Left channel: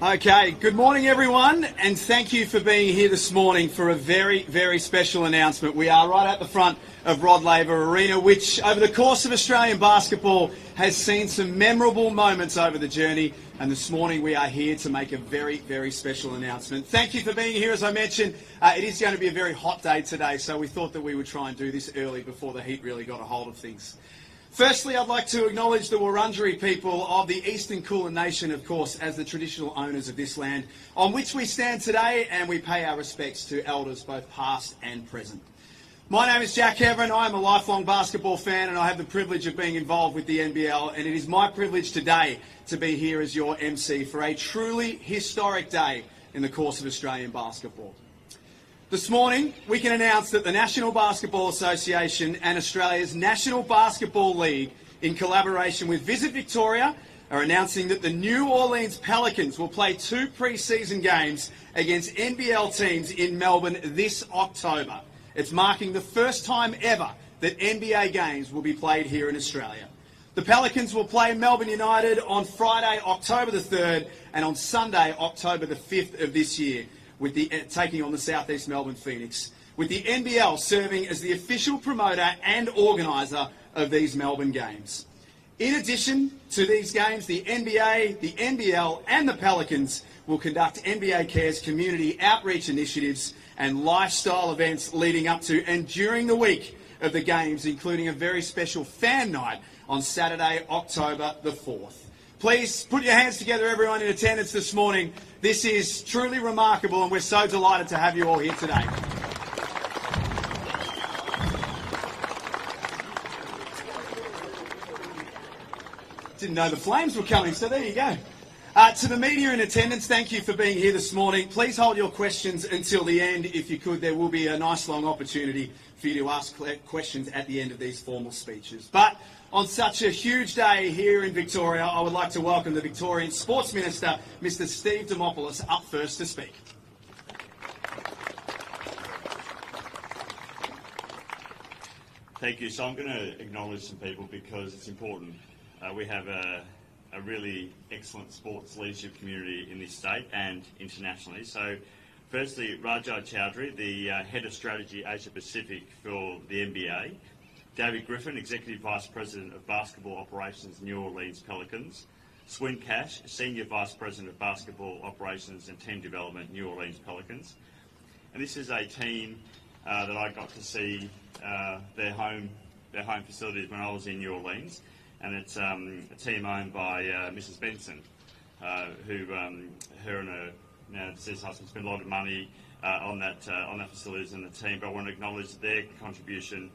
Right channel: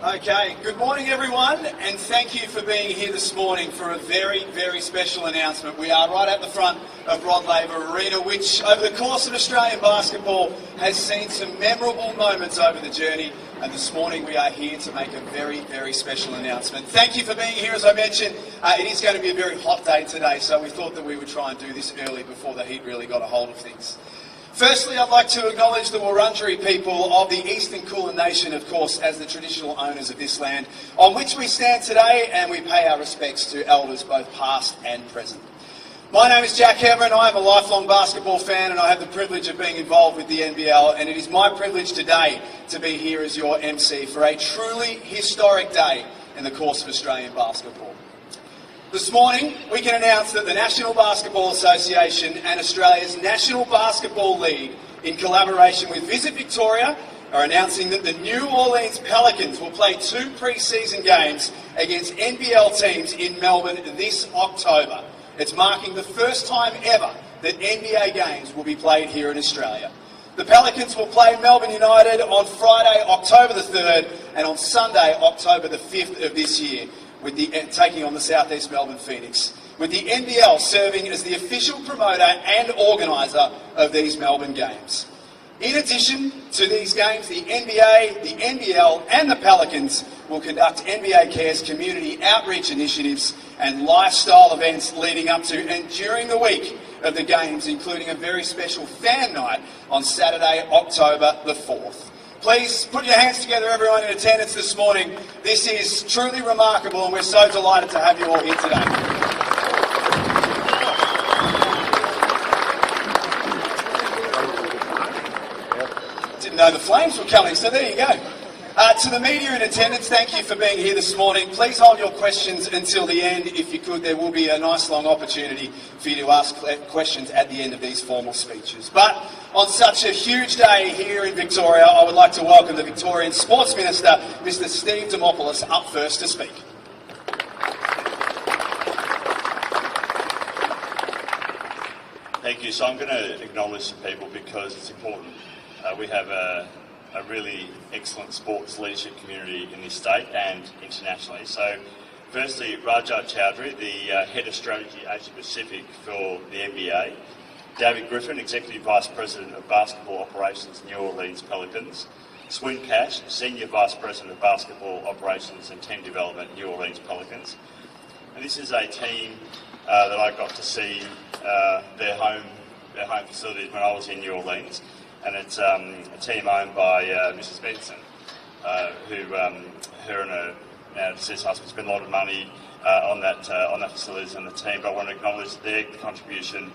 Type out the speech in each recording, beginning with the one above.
Okay, good morning everyone, and thank you for being here this morning for a very, very special announcement. We are right at the front of Rod Laver Arena, which over the course of Australian basketball has seen some memorable moments over the journey, and this morning we are here to make a very, very special announcement. Thank you for being here. As I mentioned, it is going to be a very hot day today, so we thought that we would try and do this early before the heat really got a hold of things. Firstly, I'd like to acknowledge the Wurundjeri people of the Eastern Kulin Nation, of course, as the traditional owners of this land, on which we stand today, and we pay our respects to elders both past and present. My name is Jack Heverin. I am a lifelong basketball fan, and I have the privilege of being involved with the NBL, and it is my privilege today to be here as your MC for a truly historic day in the course of Australian basketball. This morning, we can announce that the National Basketball Association and Australia's National Basketball League, in collaboration with Visit Victoria, are announcing that the New Orleans Pelicans will play 2 pre-season games against NBL teams in Melbourne this October. It's marking the first time ever that NBA games will be played here in Australia. The Pelicans will play Melbourne United on Friday, October the 3rd, and on Sunday, October the 5th of this year, with taking on the South East Melbourne Phoenix, with the NBL serving as the official promoter and organiser of these Melbourne games. In addition to these games, the NBA, the NBL and the Pelicans will conduct NBA Cares community outreach initiatives and lifestyle events leading up to and during the week of the games, including a very special fan night on Saturday, October the 4th. Please put your hands together, everyone in attendance this morning. This is truly remarkable, and we're so delighted to have you all here today. Didn't know the Flames were coming, so there you go. To the media in attendance, thank you for being here this morning. Please hold your questions until the end. If you could, there will be a nice long opportunity for you to ask questions at the end of these formal speeches. But on such a huge day here in Victoria, I would like to welcome the Victorian Sports Minister, Mr. Steve Dimopoulos, up first to speak. Thank you. So I'm going to acknowledge some people because it's important. We have a really excellent sports leadership community in this state and internationally. So firstly, Rajat Chowdhury, the Head of Strategy Asia Pacific for the NBA. David Griffin, Executive Vice President of Basketball Operations, New Orleans Pelicans. Swin Cash, Senior Vice President of Basketball Operations and Team Development, New Orleans Pelicans. And this is a team that I got to see their home facilities when I was in New Orleans. And it's a team owned by Mrs. Benson, who her and her now deceased husband spent a lot of money on that facilities and the team. But I want to acknowledge their contribution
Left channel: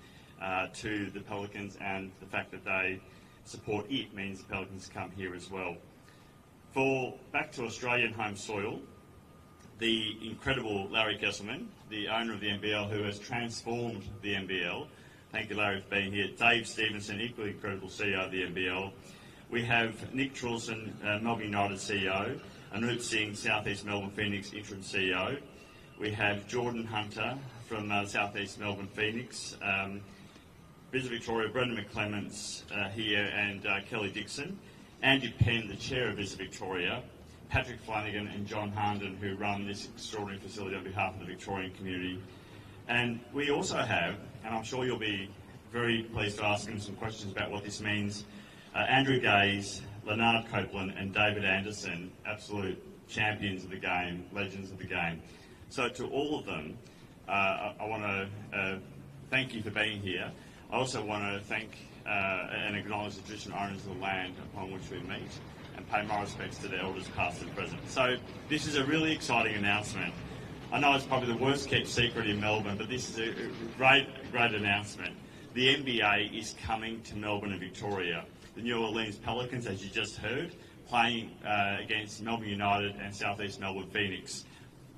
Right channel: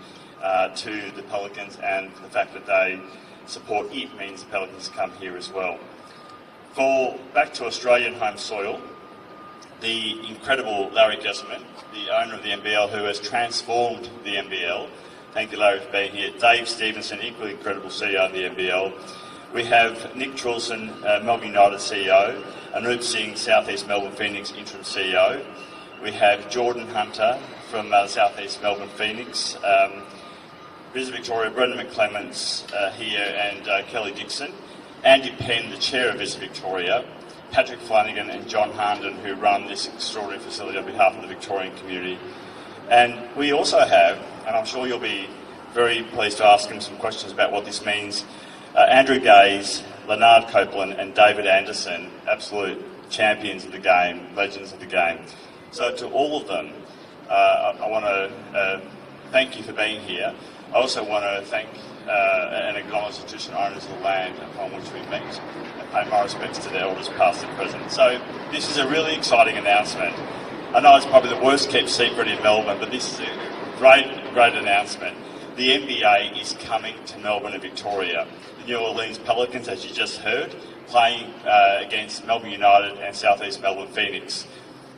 to the Pelicans, and the fact that they support it means the Pelicans come here as well. Back to Australian home soil, the incredible Larry Jesselman, the owner of the NBL, who has transformed the NBL. Thank you, Larry, for being here. Dave Stevenson, equally incredible CEO of the NBL. We have Nick Trilson, Melbourne United CEO, Anoop Singh, South East Melbourne Phoenix interim CEO. We have Jordan Hunter from South East Melbourne Phoenix. Visit Victoria, Brendan McClements here, and Kelly Dixon. Andy Penn, the Chair of Visit Victoria. Patrick Flanagan and John Harnden, who run this extraordinary facility on behalf of the Victorian community. And we also have, and I'm sure you'll be very pleased to ask him some questions about what this means, Andrew Gaze, Leonard Copeland and David Anderson, absolute champions of the game, legends of the game. So to all of them, I want to thank you for being here. I also want to thank and acknowledge the traditional owners of the land upon which we meet, and pay my respects to their elders past and present. So this is a really exciting announcement. I know it's probably the worst kept secret in Melbourne, but this is a great announcement. The NBA is coming to Melbourne and Victoria. The New Orleans Pelicans, as you just heard, playing against Melbourne United and South East Melbourne Phoenix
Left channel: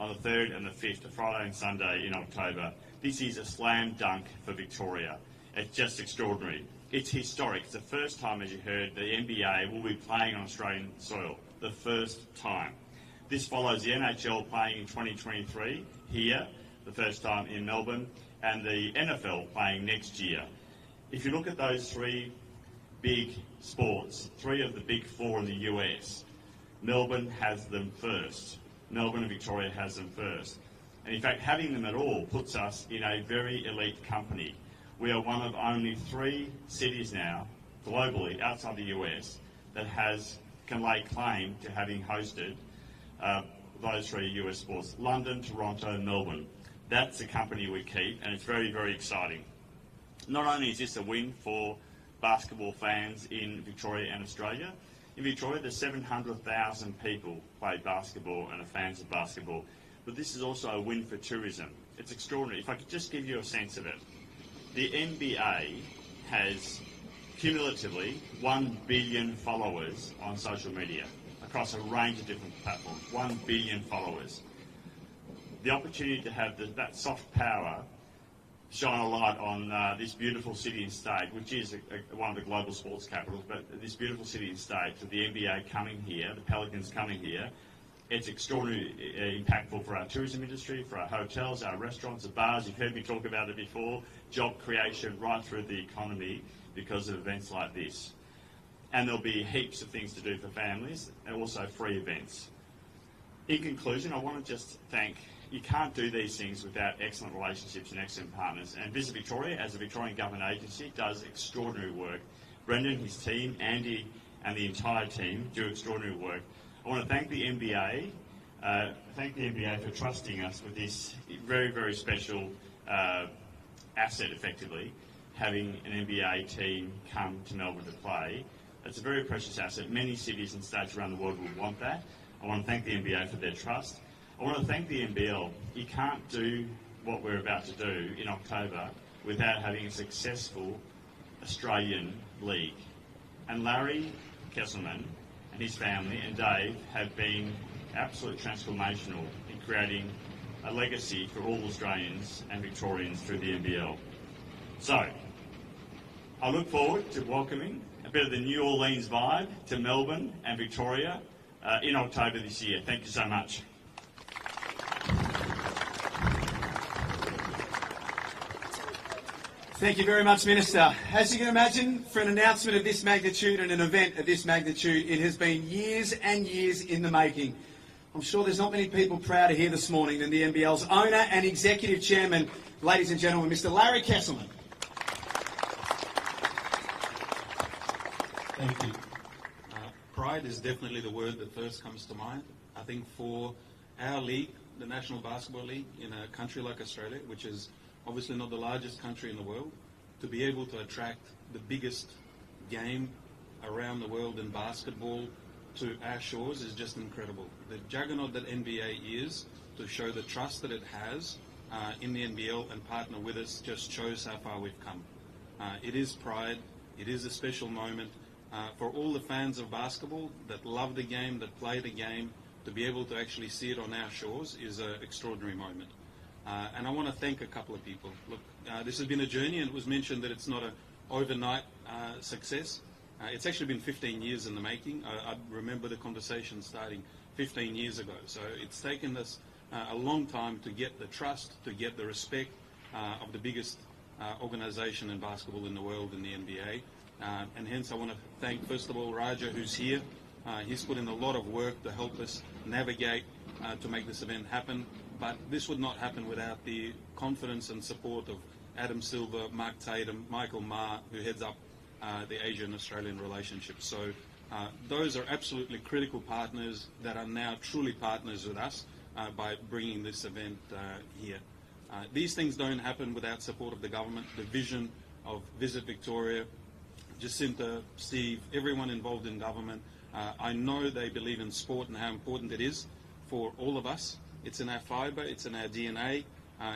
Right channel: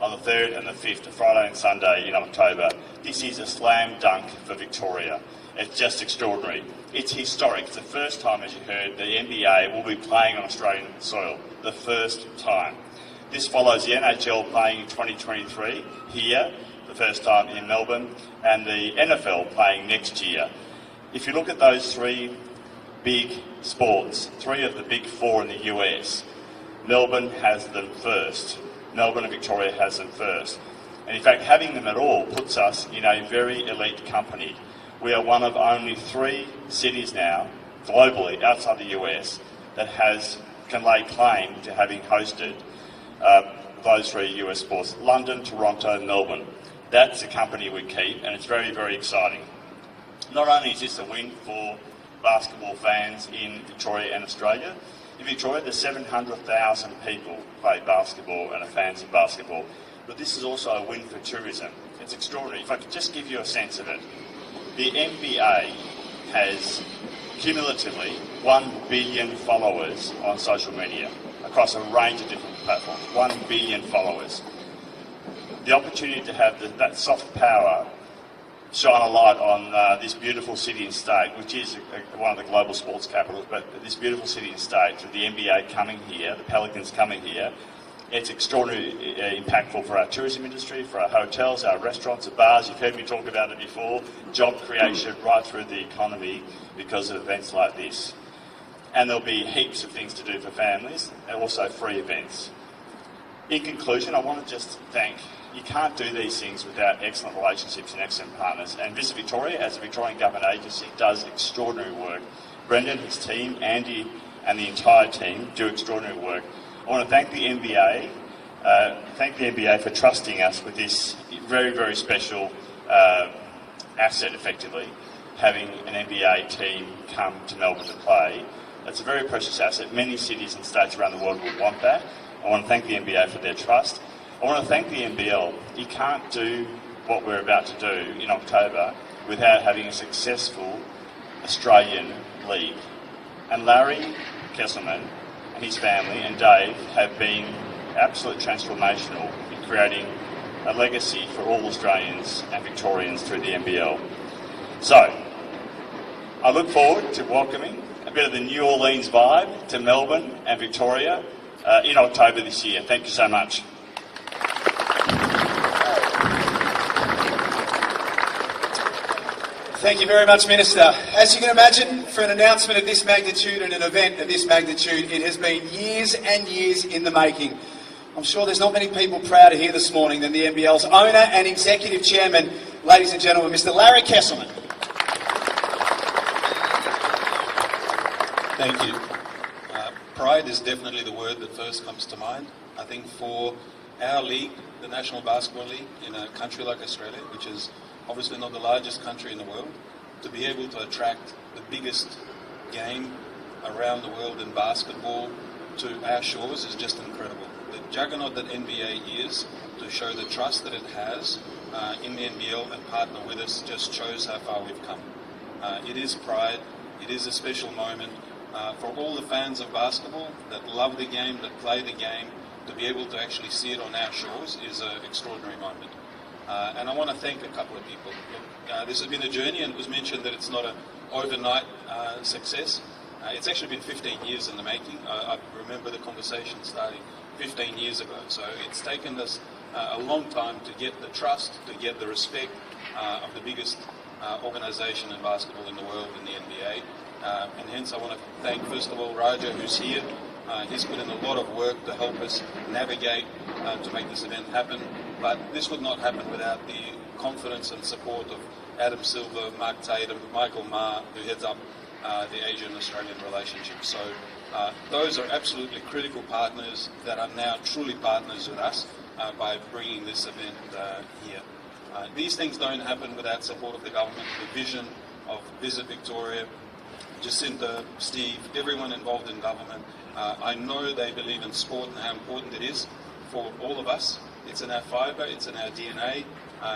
on the 3rd and the 5th, Friday and Sunday in October. This is a slam dunk for Victoria. It's just extraordinary. It's historic. It's the first time, as you heard, the NBA will be playing on Australian soil. The first time. This follows the NHL playing in 2023 here, the first time in Melbourne, and the NFL playing next year. If you look at those three big sports, three of the big four in the US, Melbourne has them first. Melbourne and Victoria has them first. And in fact, having them at all puts us in a very elite company. We are one of only 3 cities now, globally, outside the US, that can lay claim to having hosted those 3 US sports: London, Toronto, and Melbourne. That's the company we keep, and it's very, very exciting. Not only is this a win for basketball fans in Victoria and Australia, in Victoria there's 700,000 people play basketball and are fans of basketball, but this is also a win for tourism. It's extraordinary. If I could just give you a sense of it, the NBA has cumulatively 1 billion followers on social media across a range of different platforms. 1 billion followers. The opportunity to have that soft power shine a light on this beautiful city and state, which is one of the global sports capitals, but this beautiful city and state, to the NBA coming here, the Pelicans coming here, it's extraordinarily impactful for our tourism industry, for our hotels, our restaurants, our bars. You've heard me talk about it before. Job creation right through the economy because of events like this. And there'll be heaps of things to do for families and also free events. In conclusion, I want to just thank, you can't do these things without excellent relationships and excellent partners. And Visit Victoria, as a Victorian government agency, does extraordinary work. Brendan, his team, Andy and the entire team do extraordinary work. I want to thank the NBA for trusting us with this very, very special asset, effectively, having an NBA team come to Melbourne to play. That's a very precious asset. Many cities and states around the world will want that. I want to thank the NBA for their trust. I want to thank the NBL. You can't do what we're about to do in October without having a successful Australian league. And Larry Kesselman and his family and Dave have been absolutely transformational in creating a legacy for all Australians and Victorians through the NBL. So, I look forward to welcoming a bit of the New Orleans vibe to Melbourne and Victoria in October this year. Thank you so much. Thank you very much, Minister. As you can imagine, for an announcement of this magnitude and an event of this magnitude, it has been years and years in the making. I'm sure there's not many people prouder here this morning than the NBL's owner and executive chairman, ladies and gentlemen, Mr. Larry Kesselman. Thank you. Pride is definitely the word that first comes to mind. I think for our league, the National Basketball League, in a country like Australia, which is obviously not the largest country in the world, to be able to attract the biggest game around the world in basketball to our shores is just incredible. The juggernaut that NBA is, to show the trust that it has in the NBL and partner with us, just shows how far we've come. It is pride, it is a special moment for all the fans of basketball that love the game, that play the game. To be able to actually see it on our shores is an extraordinary moment. And I want to thank a couple of people. This has been a journey, and it was mentioned that it's not an overnight success. It's actually been 15 years in the making. I remember the conversation starting 15 years ago. So it's taken us a long time to get the trust, to get the respect of the biggest organisation in basketball in the world, in the NBA. And hence I want to thank, first of all, Raja, who's here. He's put in a lot of work to help us navigate to make this event happen. But this would not happen without the confidence and support of Adam Silver, Mark Tatum, Michael Ma, who heads up the Asian-Australian relationship. So those are absolutely critical partners that are now truly partners with us by bringing this event here. These things don't happen without support of the government. The vision of Visit Victoria Jacinta, Steve, everyone involved in government. I know they believe in sport and how important it is for all of us. It's in our fibre, it's in our DNA,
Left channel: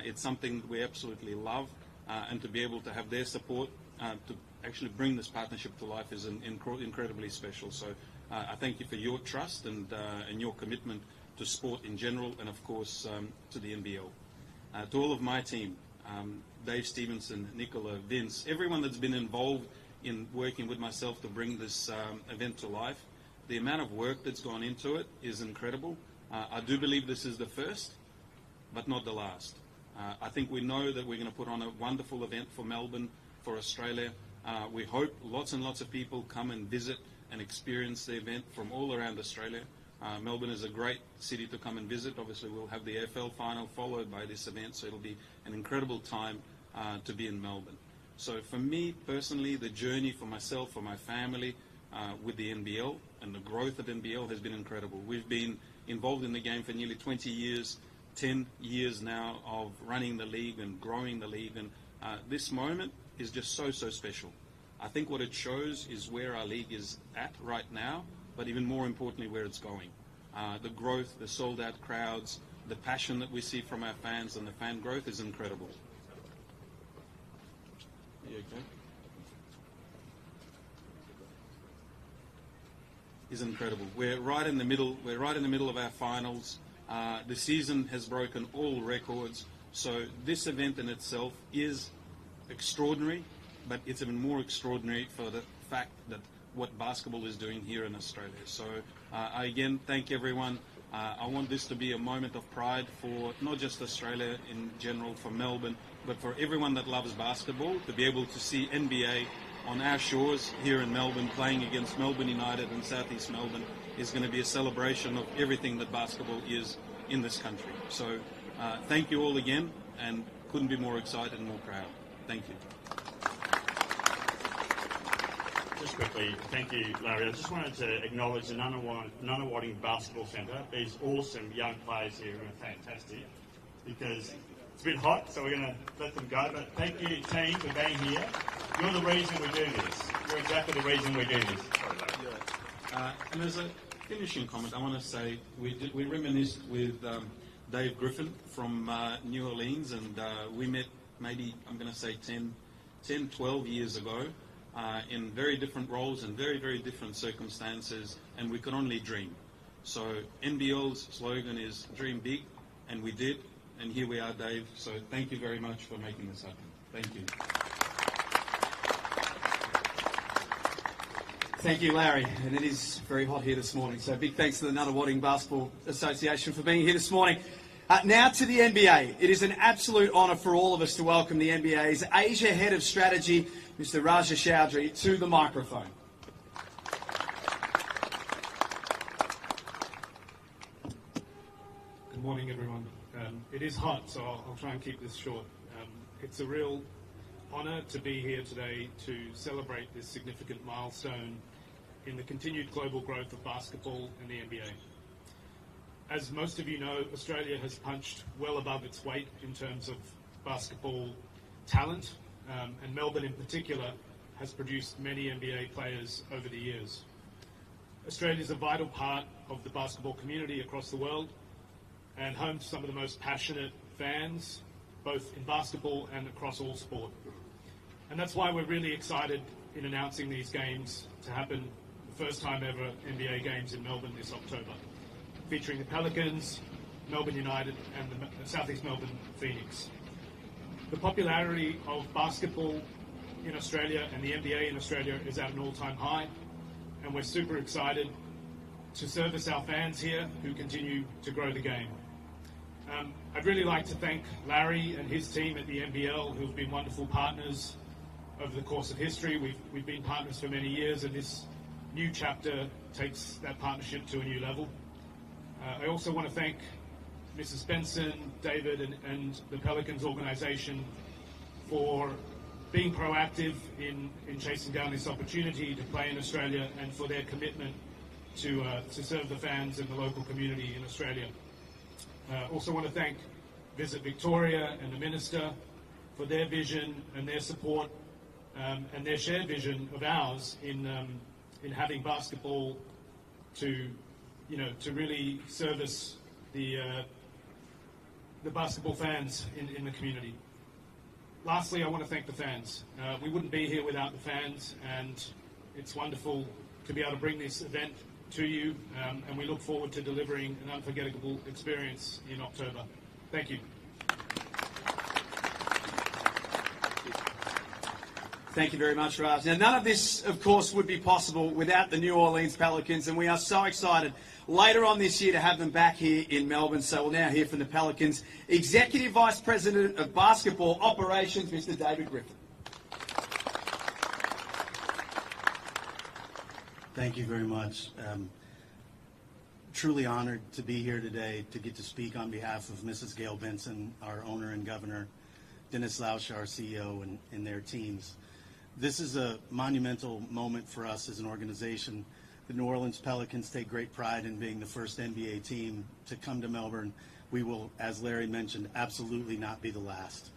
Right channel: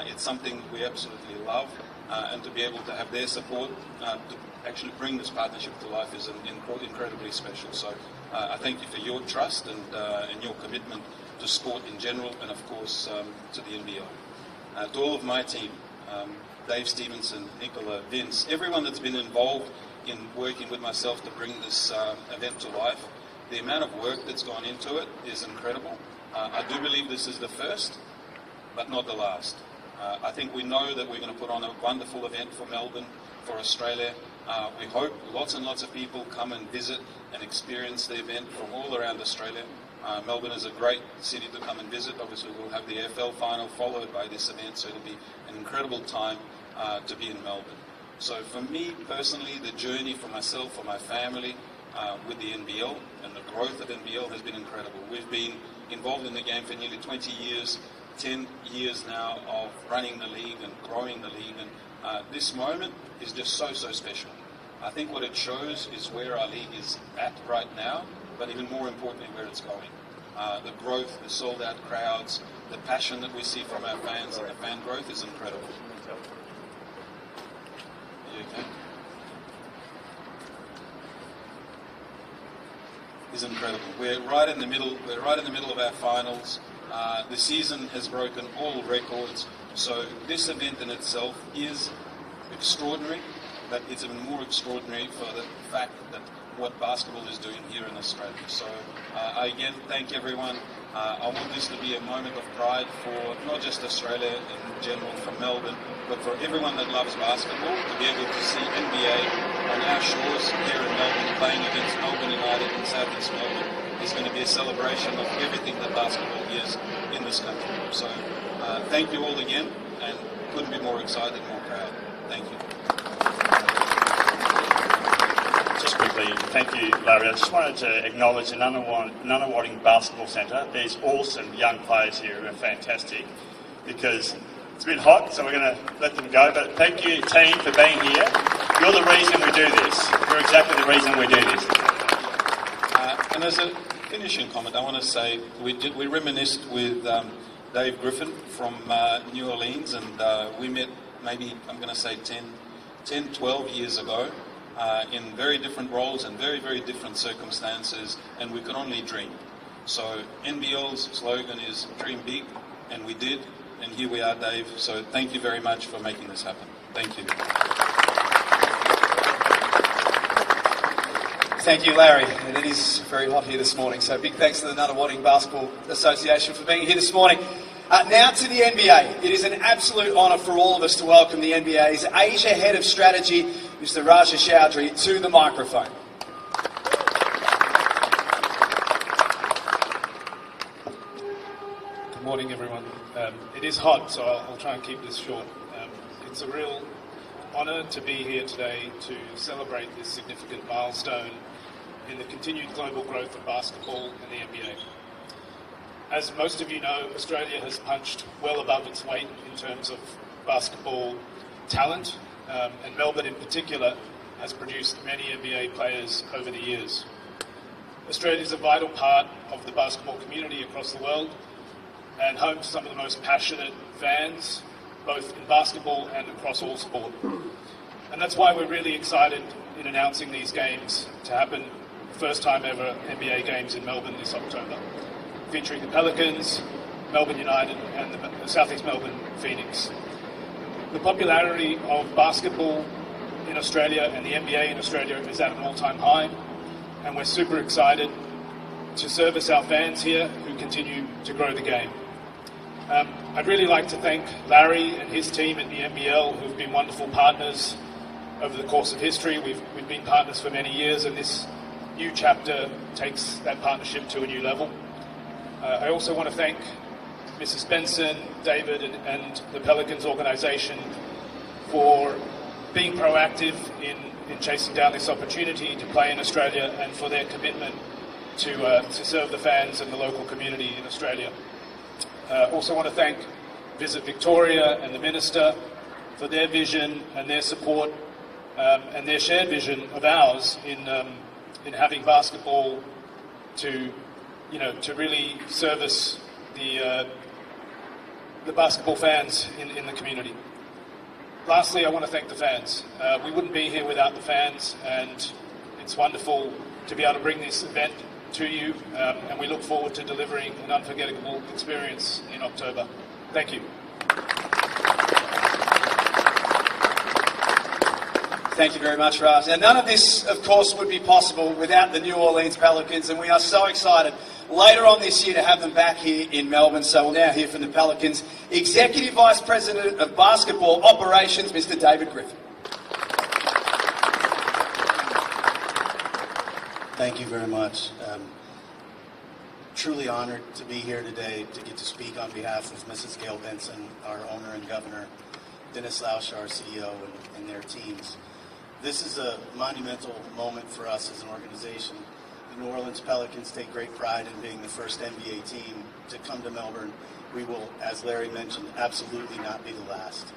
it's something we absolutely love, and to be able to have their support to actually bring this partnership to life is incredibly special. So I thank you for your trust and your commitment to sport in general, and of course to the NBL. To all of my team, Dave Stevenson, Nicola, Vince, everyone that's been involved in working with myself to bring this event to life, the amount of work that's gone into it is incredible. I do believe this is the first, but not the last. I think we know that we're going to put on a wonderful event for Melbourne, for Australia. We hope lots and lots of people come and visit and experience the event from all around Australia. Melbourne is a great city to come and visit. Obviously, we'll have the AFL final followed by this event, so it'll be an incredible time to be in Melbourne. So for me personally, the journey for myself, for my family, with the NBL and the growth of NBL has been incredible. We've been involved in the game for nearly 20 years, 10 years now of running the league and growing the league, and this moment is just so special. I think what it shows is where our league is at right now, but even more importantly where it's going. The growth, the sold out crowds, the passion that we see from our fans and the fan growth is incredible. Okay. Is incredible. We're right in the middle of our finals. The season has broken all records, so this event in itself is extraordinary, but it's even more extraordinary for the fact that what basketball is doing here in Australia. So I again thank everyone. I want this to be a moment of pride for not just Australia in general, for Melbourne, but for everyone that loves basketball, to be able to see NBA on our shores here in Melbourne playing against Melbourne United in South East Melbourne is going to be a celebration of everything that basketball is in this country. So thank you all again, and couldn't be more excited, more proud. Thank you. Just quickly, thank you, Larry. I just wanted to acknowledge the Nunawading Basketball Centre. These awesome young players here who are fantastic, because it's a bit hot, so we're going to let them go. But thank you, team, for being here. You're the reason we do this. You're exactly the reason we do this. And as a finishing comment, I want to say we reminisced with Dave Griffin from New Orleans, and we met maybe, I'm going to say 10, 12 years ago. In very different roles and very different circumstances, and we could only dream. So NBL's slogan is dream big, and we did, and here we are, Dave. So thank you very much for making this happen. Thank you. Thank you, Larry. And it is very hot here this morning, so big thanks to the Nunawading Basketball Association for being here this morning. Now to the NBA. It is an absolute honour for all of us to welcome the NBA's Asia Head of Strategy, Mr. Raja Chowdhury, to the microphone. Good morning, everyone. It is hot, so I'll try and keep this short. It's a real honour to be here today to celebrate this significant milestone in the continued global growth of basketball and the NBA. As most of you know, Australia has punched well above its weight in terms of basketball talent, and Melbourne in particular has produced many NBA players over the years. Australia is a vital part of the basketball community across the world and home to some of the most passionate fans, both in basketball and across all sport. And that's why we're really excited in announcing these games to happen, first time ever NBA games in Melbourne this October, featuring the Pelicans, Melbourne United and the South East Melbourne Phoenix. The popularity of basketball in Australia and the NBA in Australia is at an all-time high, and we're super excited to service our fans here who continue to grow the game. I'd really like to thank Larry and his team at the NBL, who've been wonderful partners over the course of history. We've been partners for many years, and this new chapter takes that partnership to a new level. I also want to thank Mrs. Benson, David, and the Pelicans organisation for being proactive in chasing down this opportunity to play in Australia, and for their commitment to serve the fans and the local community in Australia. Also want to thank Visit Victoria and the Minister for their vision and their support and their shared vision of ours in having basketball to really service the basketball fans in the community. Lastly, I want to thank the fans. We wouldn't be here without the fans, and it's wonderful to be able to bring this event to you, and we look forward to delivering an unforgettable experience in October. Thank you. Thank you very much, Raj. Now, none of this, of course, would be possible without the New Orleans Pelicans, and we are so excited later on this year to have them back here in Melbourne. So we'll now hear from the Pelicans Executive Vice President of Basketball Operations, Mr. David Griffin. Thank you very much. Truly honored to be here today to get to speak on behalf of Mrs. Gail Benson, our owner and governor, Dennis Lausch, our CEO, and their teams. This is a monumental moment for us as an organization. The New Orleans Pelicans take great pride in being the first NBA team to come to Melbourne. We will, as Larry mentioned, absolutely not be the last.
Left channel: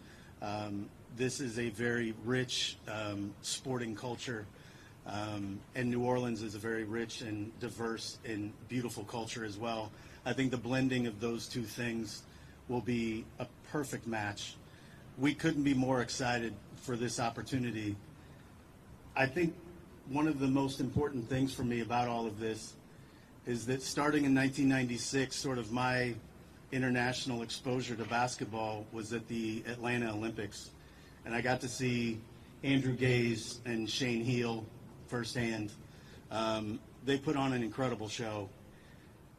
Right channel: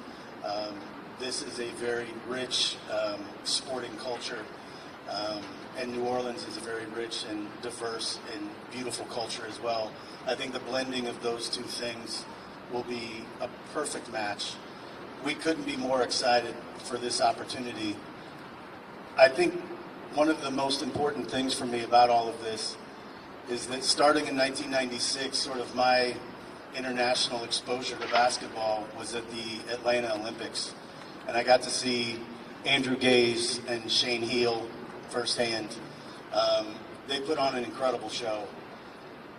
This is a very rich sporting culture. And New Orleans is a very rich and diverse and beautiful culture as well. I think the blending of those two things will be a perfect match. We couldn't be more excited for this opportunity. I think one of the most important things for me about all of this is that starting in 1996, sort of my international exposure to basketball was at the Atlanta Olympics. And I got to see Andrew Gaze and Shane Heal firsthand. They put on an incredible show.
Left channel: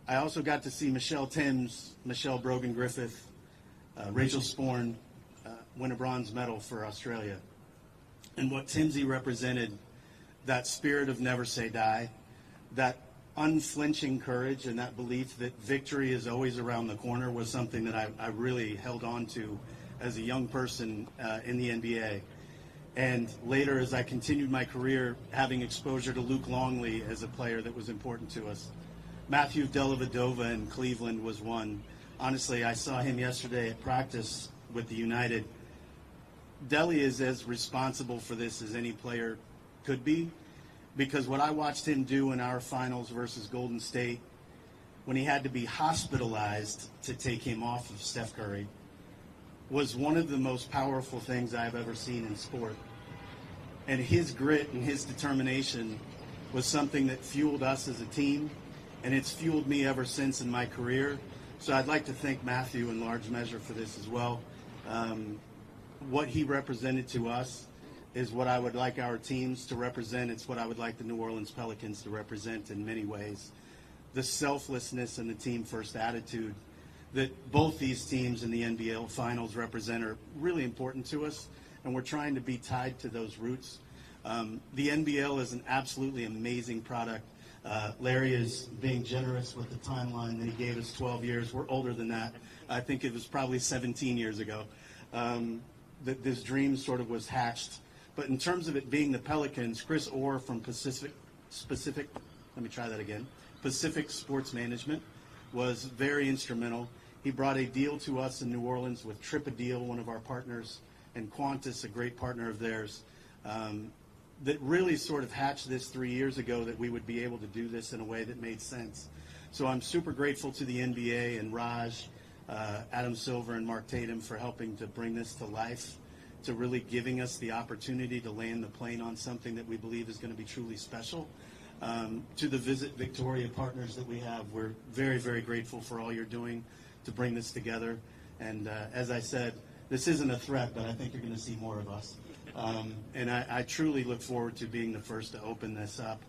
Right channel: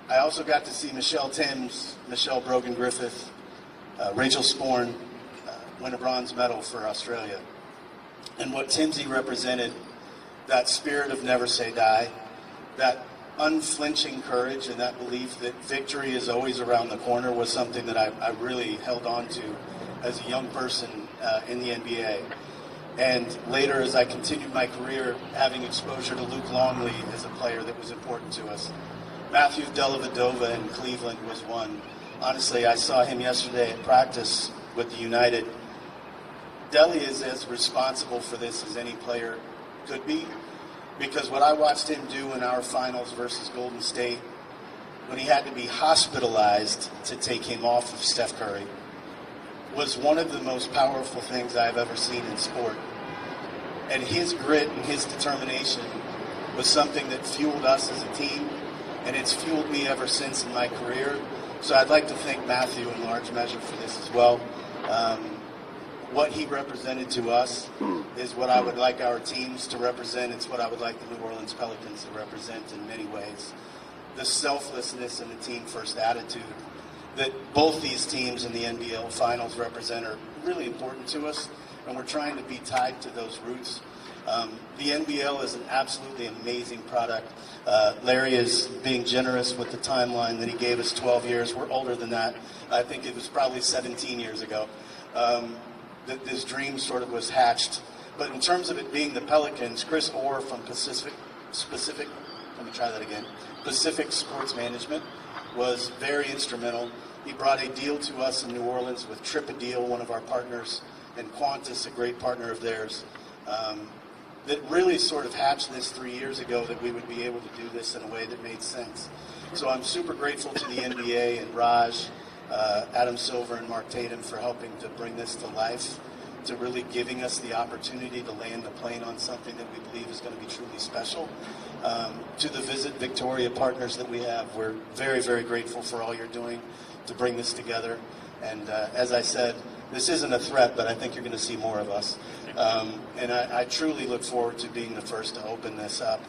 I also got to see Michelle Timms, Michelle Brogan-Griffith, Rachel Sporn win a bronze medal for Australia. And what Timsy represented, that spirit of never say die, that unflinching courage and that belief that victory is always around the corner was something that I really held on to as a young person in the NBA. And later, as I continued my career, having exposure to Luke Longley as a player that was important to us. Matthew Dellavedova in Cleveland was one. Honestly, I saw him yesterday at practice with the United. Delly is as responsible for this as any player could be, because what I watched him do in our finals versus Golden State, when he had to be hospitalized to take him off of Steph Curry, was one of the most powerful things I've ever seen in sport. And his grit and his determination was something that fueled us as a team, and it's fueled me ever since in my career. So I'd like to thank Matthew in large measure for this as well. What he represented to us is what I would like our teams to represent. It's what I would like the New Orleans Pelicans to represent in many ways. The selflessness and the team-first attitude that both these teams in the NBL finals represent are really important to us, and we're trying to be tied to those roots. The NBL is an absolutely amazing product. Larry is being generous with the timeline that he gave us, 12 years. We're older than that. I think it was probably 17 years ago that this dream sort of was hatched. But in terms of it being the Pelicans, Chris Orr from Pacific Sports Management was very instrumental. He brought a deal to us in New Orleans with Tripadil, one of our partners, and Qantas, a great partner of theirs, that really sort of hatched this 3 years ago that we would be able to do this in a way that made sense. So I'm super grateful to the NBA and Raj, Adam Silver and Mark Tatum for helping to bring this to life, to really giving us the opportunity to land a plane on something that we believe is going to be truly special. To the Visit Victoria partners that we have, we're very, very grateful for all you're doing to bring this together. And as I said, this isn't a threat, but I think you're going to see more of us. And I truly look forward to being the first to open this up.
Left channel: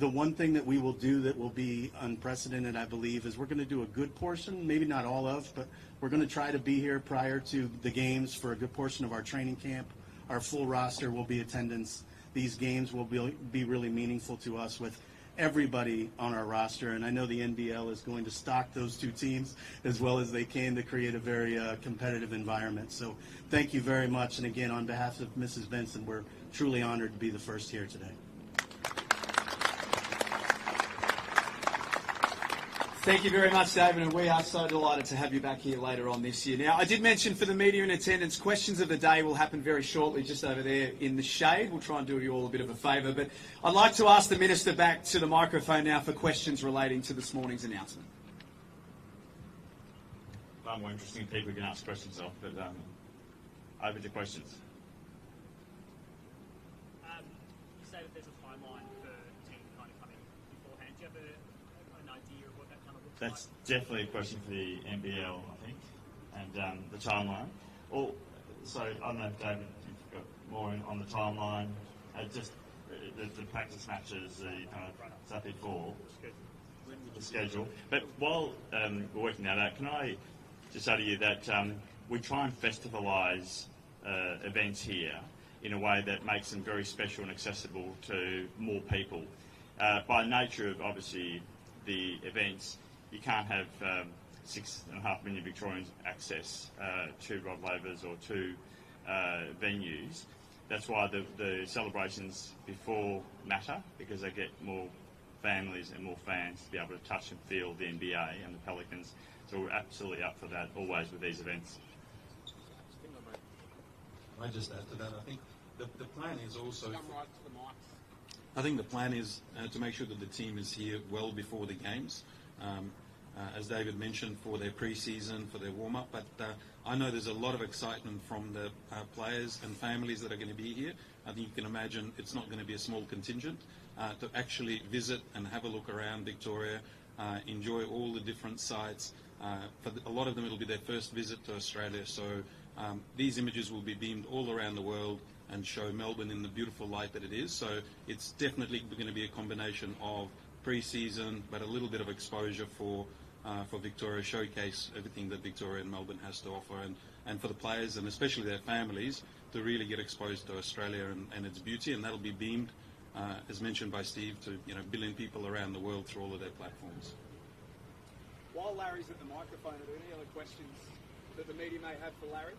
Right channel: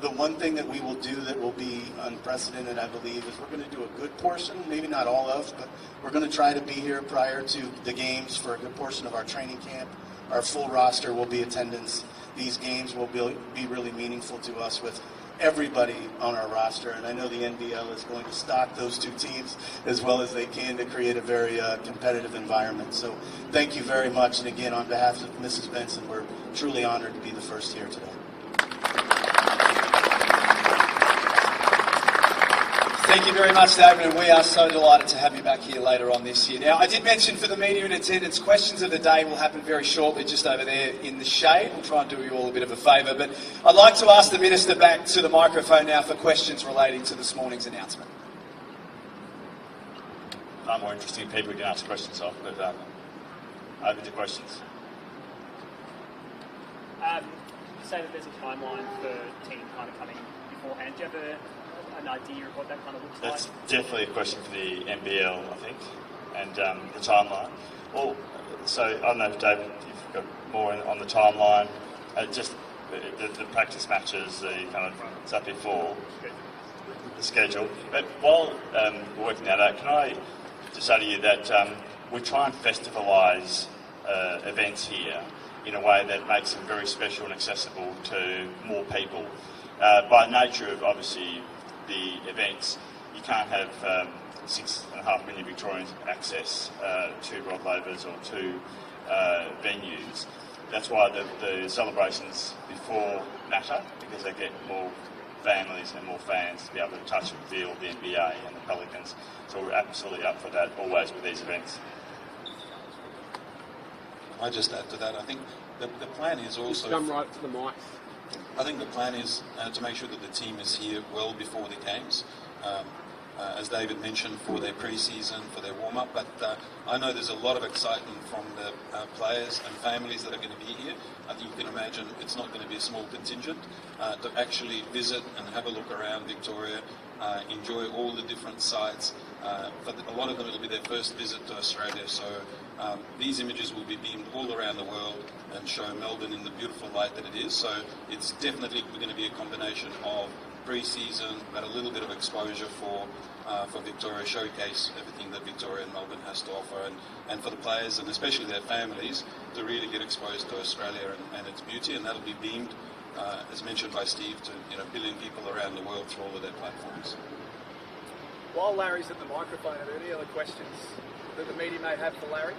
The one thing that we will do that will be unprecedented, I believe, is we're going to do a good portion, maybe not all of, but we're going to try to be here prior to the games for a good portion of our training camp. Our full roster will be attendance. These games will be really meaningful to us with everybody on our roster, and I know the NBL is going to stock those two teams as well as they can to create a very competitive environment. So thank you very much, and again, on behalf of Mrs. Benson, we're truly honored to be the first here today. Thank you very much, David, and we are so delighted to have you back here later on this year. Now, I did mention for the media in attendance, questions of the day will happen very shortly, just over there in the shade. We'll try and do you all a bit of a favour, but I'd like to ask the Minister back to the microphone now for questions relating to this morning's announcement. Far more interesting people we can ask questions of, but over to questions. You say that there's a timeline for teams kind of coming beforehand. Do you have an idea of what that kind of looks That's like? definitely a question for the NBL, I think, and the timeline. Well, so I don't know if David, you've got more on the timeline. Just the practice matches, the kind of stuff before the schedule. But while we're working that out, can I just say to you that we try and festivalise events here in a way that makes them very special and accessible to more people. By nature of obviously the events, you can't have 6.5 million Victorians access to Rod Laver's or to venues. That's why the celebrations before matter, because they get more families and more fans to be able to touch and feel the NBA and the Pelicans. So we're absolutely up for that always with these events. I just add to that. I think the plan is also. Come right to the mic. I think the plan is to make sure that the team is here well before the games. As David mentioned, for their pre-season, for their warm-up, but I know there's a lot of excitement from the players and families that are going to be here. I think you can imagine it's not going to be a small contingent to actually visit and have a look around Victoria, enjoy all the different sites. But a lot of them will be their first visit to Australia, so these images will be beamed all around the world and show Melbourne in the beautiful light that it is. So it's definitely going to be a combination of pre-season, but a little bit of exposure for Victoria, showcase everything that Victoria and Melbourne has to offer, and for the players and especially their families to really get exposed to Australia and its beauty, and that'll be beamed, as mentioned by Steve, to a billion people around the world through all of their platforms. While Larry's at the microphone, are there any other questions that the media may have for Larry?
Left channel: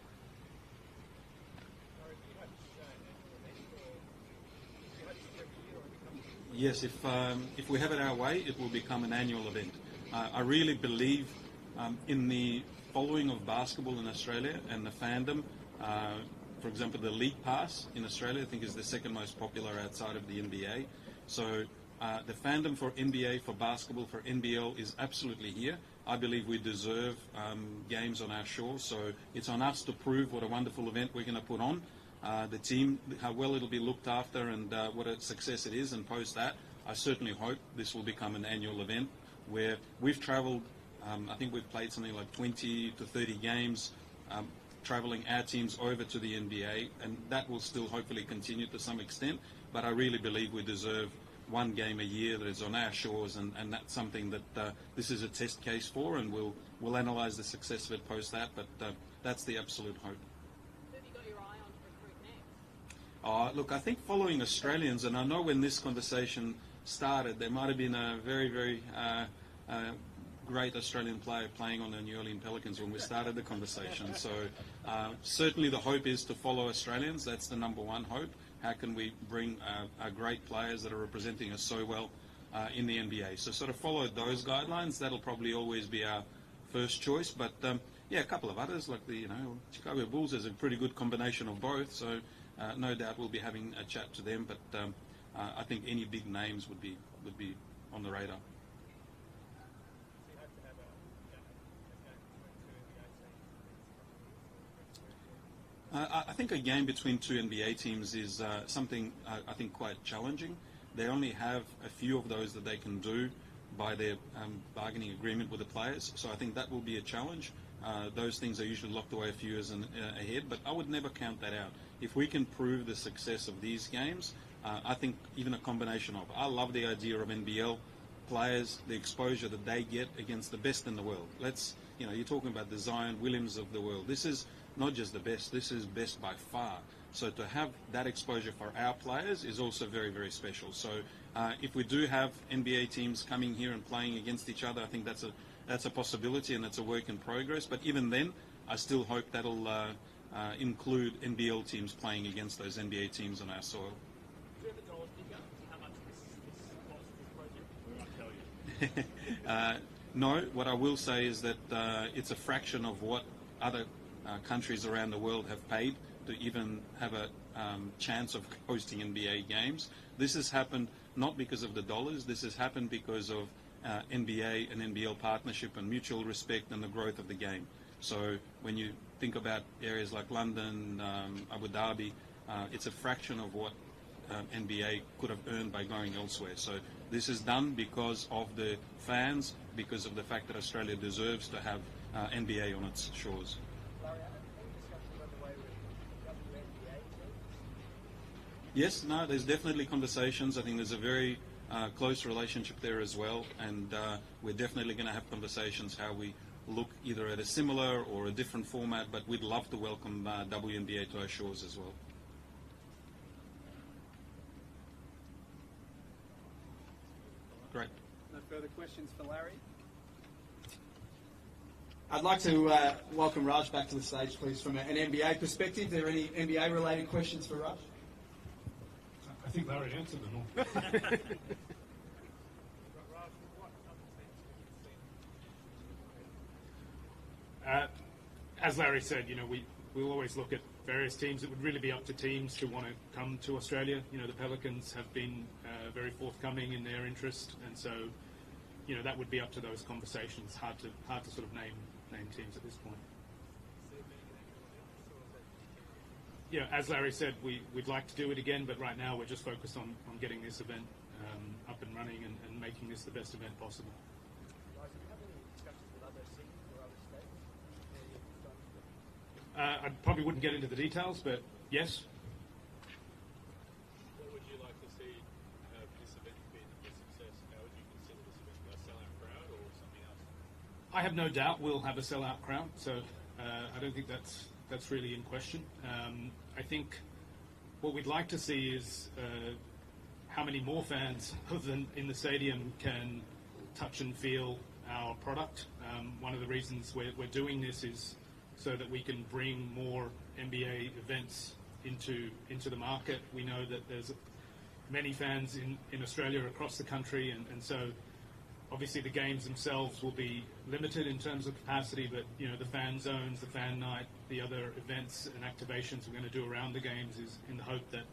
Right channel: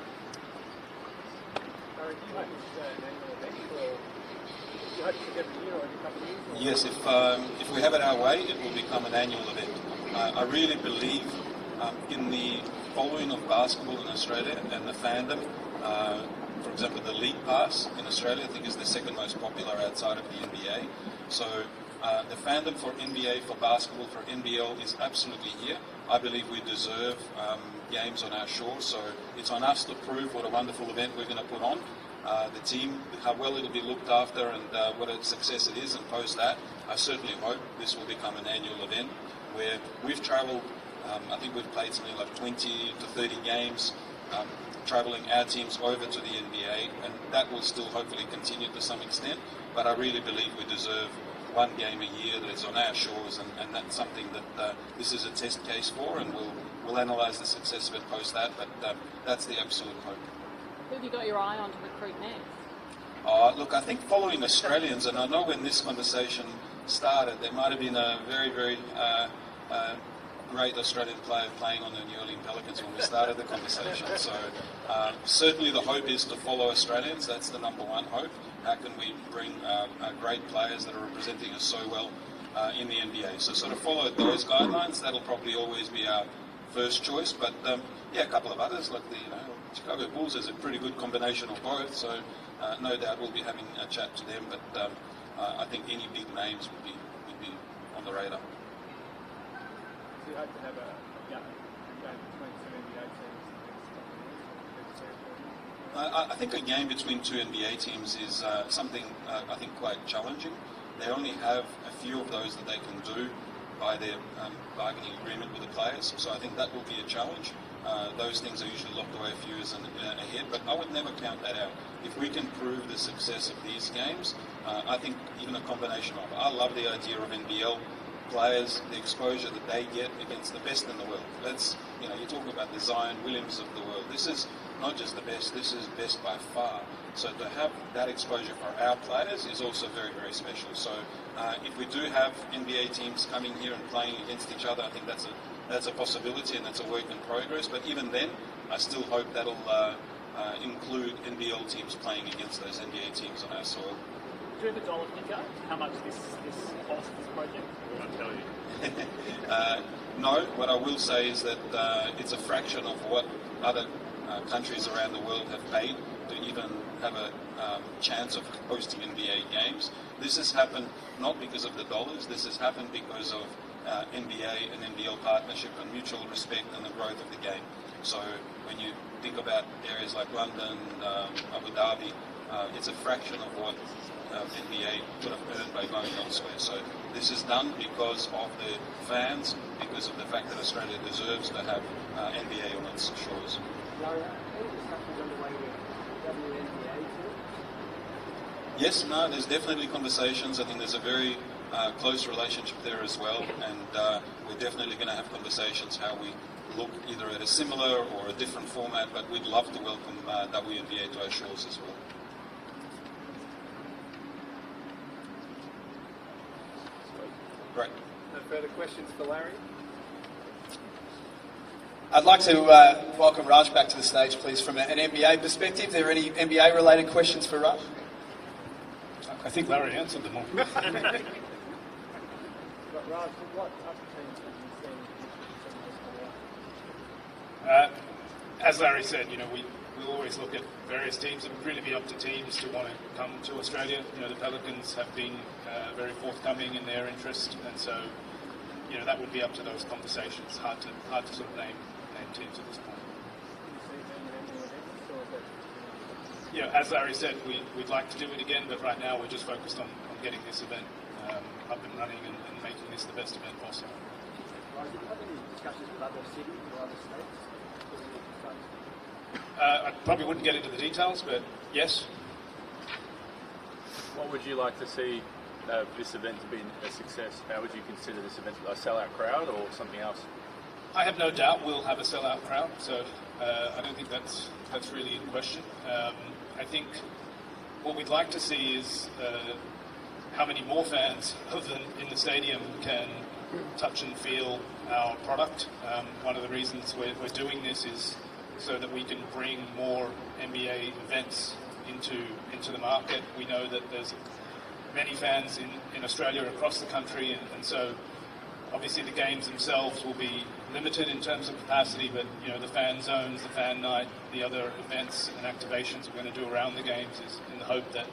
Larry, do you hope this is an annual event, or do you hope it's every year or every couple of years? Yes, if we have it our way, it will become an annual event. I really believe in the following of basketball in Australia and the fandom. For example, the League Pass in Australia, I think, is the second most popular outside of the NBA. So the fandom for NBA, for basketball, for NBL is absolutely here. I believe we deserve games on our shore, so it's on us to prove what a wonderful event we're going to put on. The team, how well it'll be looked after and what a success it is, and post that, I certainly hope this will become an annual event where we've travelled, I think we've played something like 20 to 30 games, travelling our teams over to the NBA, and that will still hopefully continue to some extent, but I really believe we deserve one game a year that's on our shores, and that's something that this is a test case for, and we'll analyse the success of it post that, but that's the absolute hope. Who have you got your eye on to recruit next? Look, I think following Australians, and I know when this conversation started, there might have been a very, very great Australian player playing on the New Orleans Pelicans when we started the conversation. So certainly the hope is to follow Australians. That's the number one hope. How can we bring great players that are representing us so well in the NBA? So sort of follow those guidelines. That'll probably always be our first choice. But yeah, a couple of others like the Chicago Bulls is a pretty good combination of both. So no doubt we'll be having a chat to them. But I think any big names would be on the radar. Do you hope to have a game between two NBA teams? I think a game between two NBA teams is something I think quite challenging. They only have a few of those that they can do by their bargaining agreement with the players. So I think that will be a challenge. Those things are usually locked away a few years ahead, but I would never count that out. If we can prove the success of these games, I think even a combination of, I love the idea of NBL players, the exposure that they get against the best in the world. You're talking about the Zion Williams of the world. This is not just the best, this is best by far. So to have that exposure for our players is also very, very special. So if we do have NBA teams coming here and playing against each other, I think that's a possibility and that's a work in progress. But even then, I still hope that'll include NBL teams playing against those NBA teams on our soil. Do you have a dollar figure? How much this costs, this project? I won't tell you. No, what I will say is that it's a fraction of what other countries around the world have paid to even have a chance of hosting NBA games. This has happened not because of the dollars, this has happened because of NBA and NBL partnership and mutual respect and the growth of the game. So when you think about areas like London, Abu Dhabi, it's a fraction of what NBA could have earned by going elsewhere. So this is done because of the fans, because of the fact that Australia deserves to have NBA on its shores. Yes, no, there's definitely conversations. I think there's a very close relationship there as well, and we're definitely going to have conversations how we look either at a similar or a different format, but we'd love to welcome WNBA to our shores as well. Great. No further questions for Larry? I'd like to welcome Raj back to the stage, please, from an NBA perspective. Are there any NBA-related questions for Raj? I think Larry answered them all. Raj, what other teams have you seen? As Larry said, we'll always look at various teams. It would really be up to teams to want to come to Australia. The Pelicans have been very forthcoming in their interest, and so that would be up to those conversations. Hard to sort of name teams at this point. As Larry said, we'd like to do it again, but right now we're just focused on getting this event up and running and making this the best event possible. Raj, do you have any discussions with other cities or other states? I probably wouldn't get into the details, but yes. What would you like to see this event to be a success? How would you consider this event a sellout crowd or something else? I have no doubt we'll have a sellout crowd, so I don't think that's really in question. I think what we'd like to see is how many more fans other than in the stadium can touch and feel our product. One of the reasons we're doing this is so that we can bring more NBA events into the market. We know that there's many fans in Australia across the country, and so obviously the games themselves will be limited in terms of capacity, but the fan zones, the fan night, the other events and activations we're going to do around the games is in the hope that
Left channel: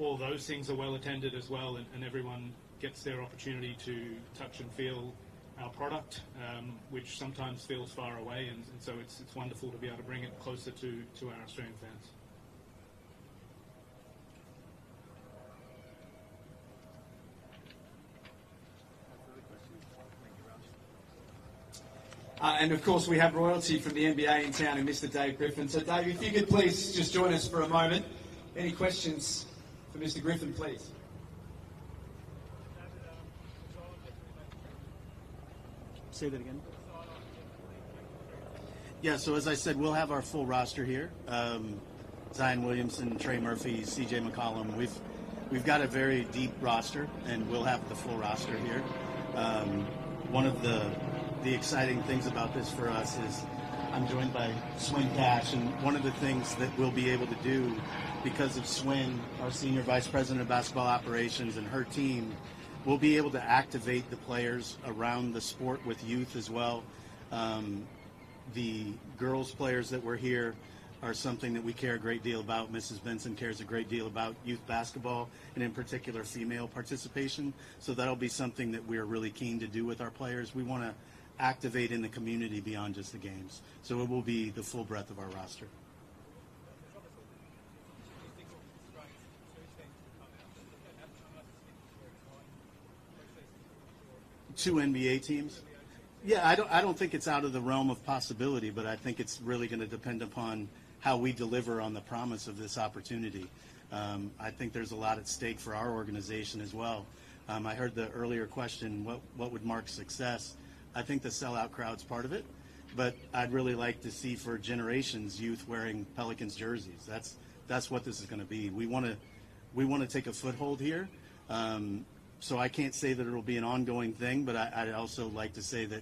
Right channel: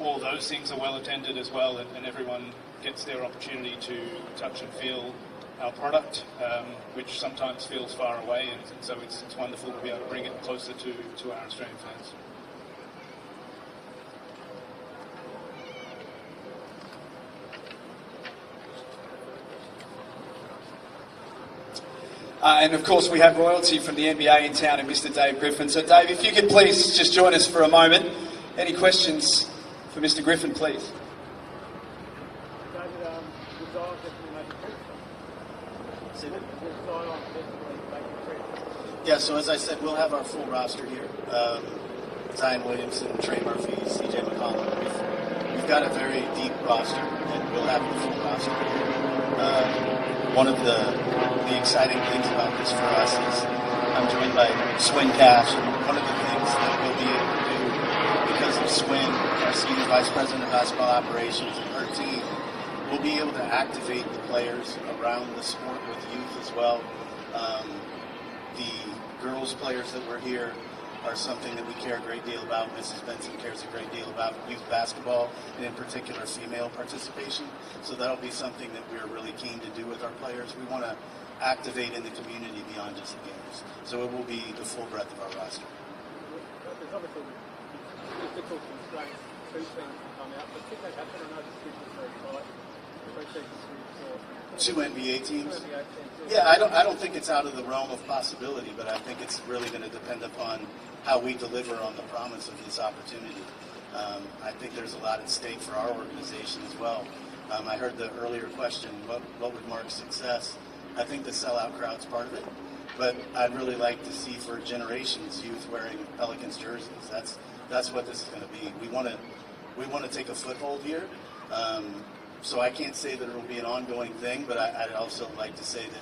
all those things are well attended as well, and everyone gets their opportunity to touch and feel our product, which sometimes feels far away, and so it's wonderful to be able to bring it closer to our Australian fans. And of course we have royalty from the NBA in town and Mr. Dave Griffin. So Dave, if you could please just join us for a moment. Any questions for Mr. Griffin, please? Yeah, so as I said, we'll have our full roster here. Zion Williamson, Trey Murphy, CJ McCollum. We've got a very deep roster, and we'll have the full roster here. One of the exciting things about this for us is I'm joined by Swin Cash, and one of the things that we'll be able to do because of Swin, our Senior Vice President of Basketball Operations, and her team, we'll be able to activate the players around the sport with youth as well. The girls players that were here are something that we care a great deal about. Mrs. Benson cares a great deal about youth basketball, and in particular female participation. So that'll be something that we're really keen to do with our players. We want to activate in the community beyond just the games. So it will be the full breadth of our roster. There's obviously physical constraints, 2 teams can come out, but could that happen? I know the schedule's very tight. Two NBA teams? Yeah, I don't think it's out of the realm of possibility, but I think it's really going to depend upon how we deliver on the promise of this opportunity. I think there's a lot at stake for our organization as well. I heard the earlier question, what would mark success? I think the sellout crowd's part of it, but I'd really like to see for generations youth wearing Pelicans jerseys. That's what this is going to be. We want to take a foothold here. So I can't say that it will be an ongoing thing, but I'd also like to say that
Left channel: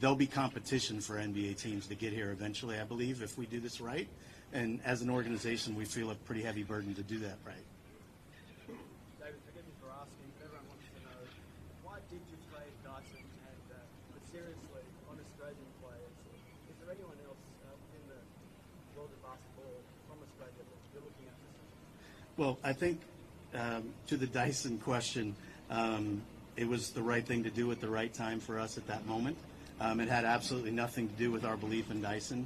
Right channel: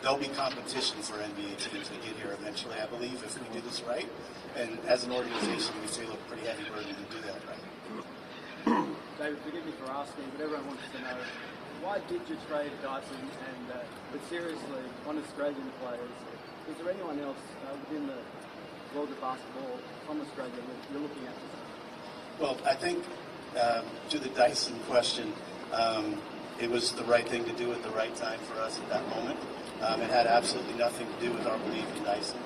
there'll be competition for NBA teams to get here eventually, I believe, if we do this right. And as an organization, we feel a pretty heavy burden to do that right. David, forgive me for asking, but everyone wants to know why did you trade Dyson? And but seriously, on Australian players, is there anyone else within the world of basketball from Australia that you're looking at? Well, I think to the Dyson question, it was the right thing to do at the right time for us at that moment. It had absolutely nothing to do with our belief in Dyson.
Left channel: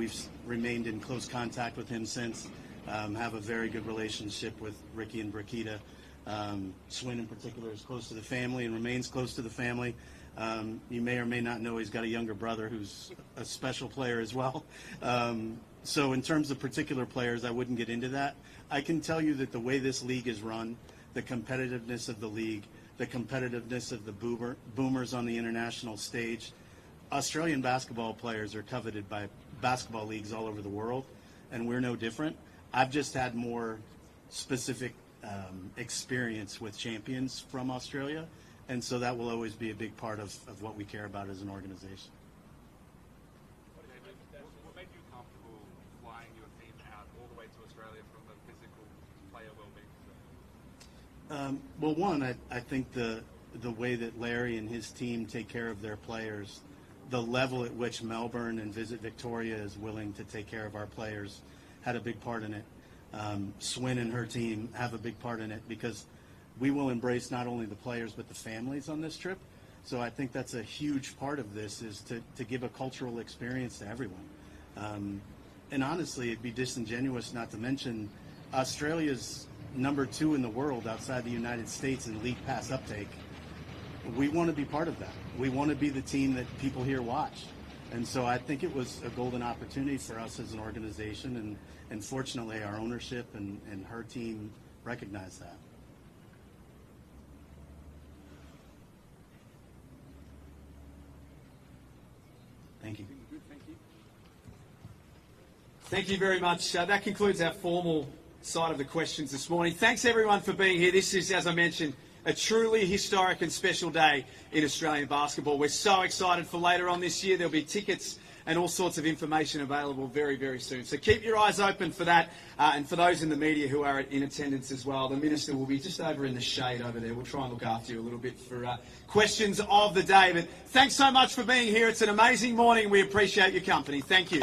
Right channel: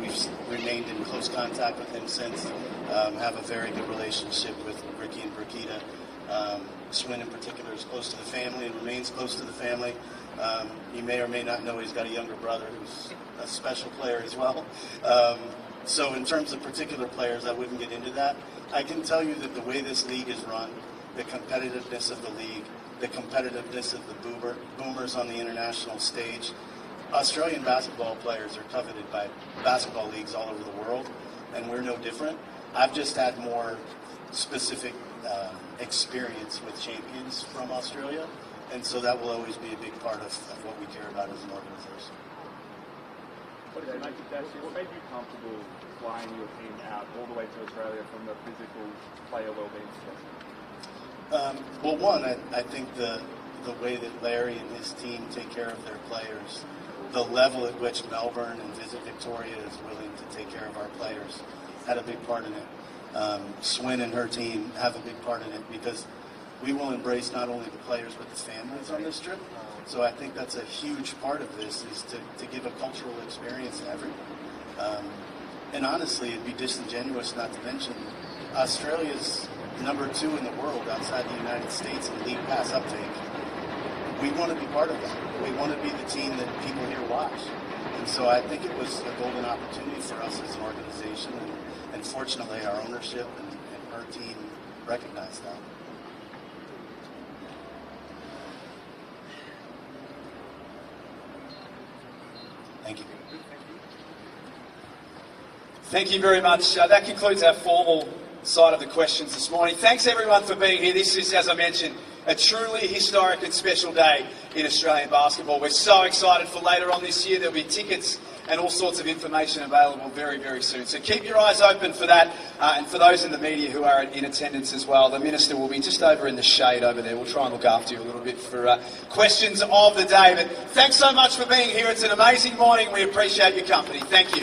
We've remained in close contact with him since, have a very good relationship with Ricky and Brakita. Swin in particular is close to the family and remains close to the family. You may or may not know he's got a younger brother who's a special player as well. So in terms of particular players, I wouldn't get into that. I can tell you that the way this league is run, the competitiveness of the league, the competitiveness of the boomers on the international stage, Australian basketball players are coveted by basketball leagues all over the world, and we're no different. I've just had more specific experience with champions from Australia, and so that will always be a big part of what we care about as an organization. What made you comfortable flying your team out all the way to Australia from the physical player well-being perspective? Well, one, I think the way that Larry and his team take care of their players, the level at which Melbourne and Visit Victoria is willing to take care of our players had a big part in it. Swin and her team have a big part in it because we will embrace not only the players but the families on this trip. So I think that's a huge part of this, is to give a cultural experience to everyone. And honestly, it'd be disingenuous not to mention Australia's number 2 in the world outside the United States in league pass uptake. We want to be part of that. We want to be the team that people here watch. And so I think it was a golden opportunity for us as an organization, and fortunately our ownership and our team recognized that. Thank you. Thank you very much. That concludes our formal side of the questions this morning. Thanks everyone for being here. This is, as I mentioned, a truly historic and special day in Australian basketball. We're so excited for later on this year. There'll be tickets and all sorts of information available very, very soon. So keep your eyes open for that. And for those in the media who are in attendance as well, the Minister will be just over in the shade over there. We'll try and look after you a little bit for questions of the day. But thanks so much for being here. It's an amazing morning. We appreciate your company. Thank you.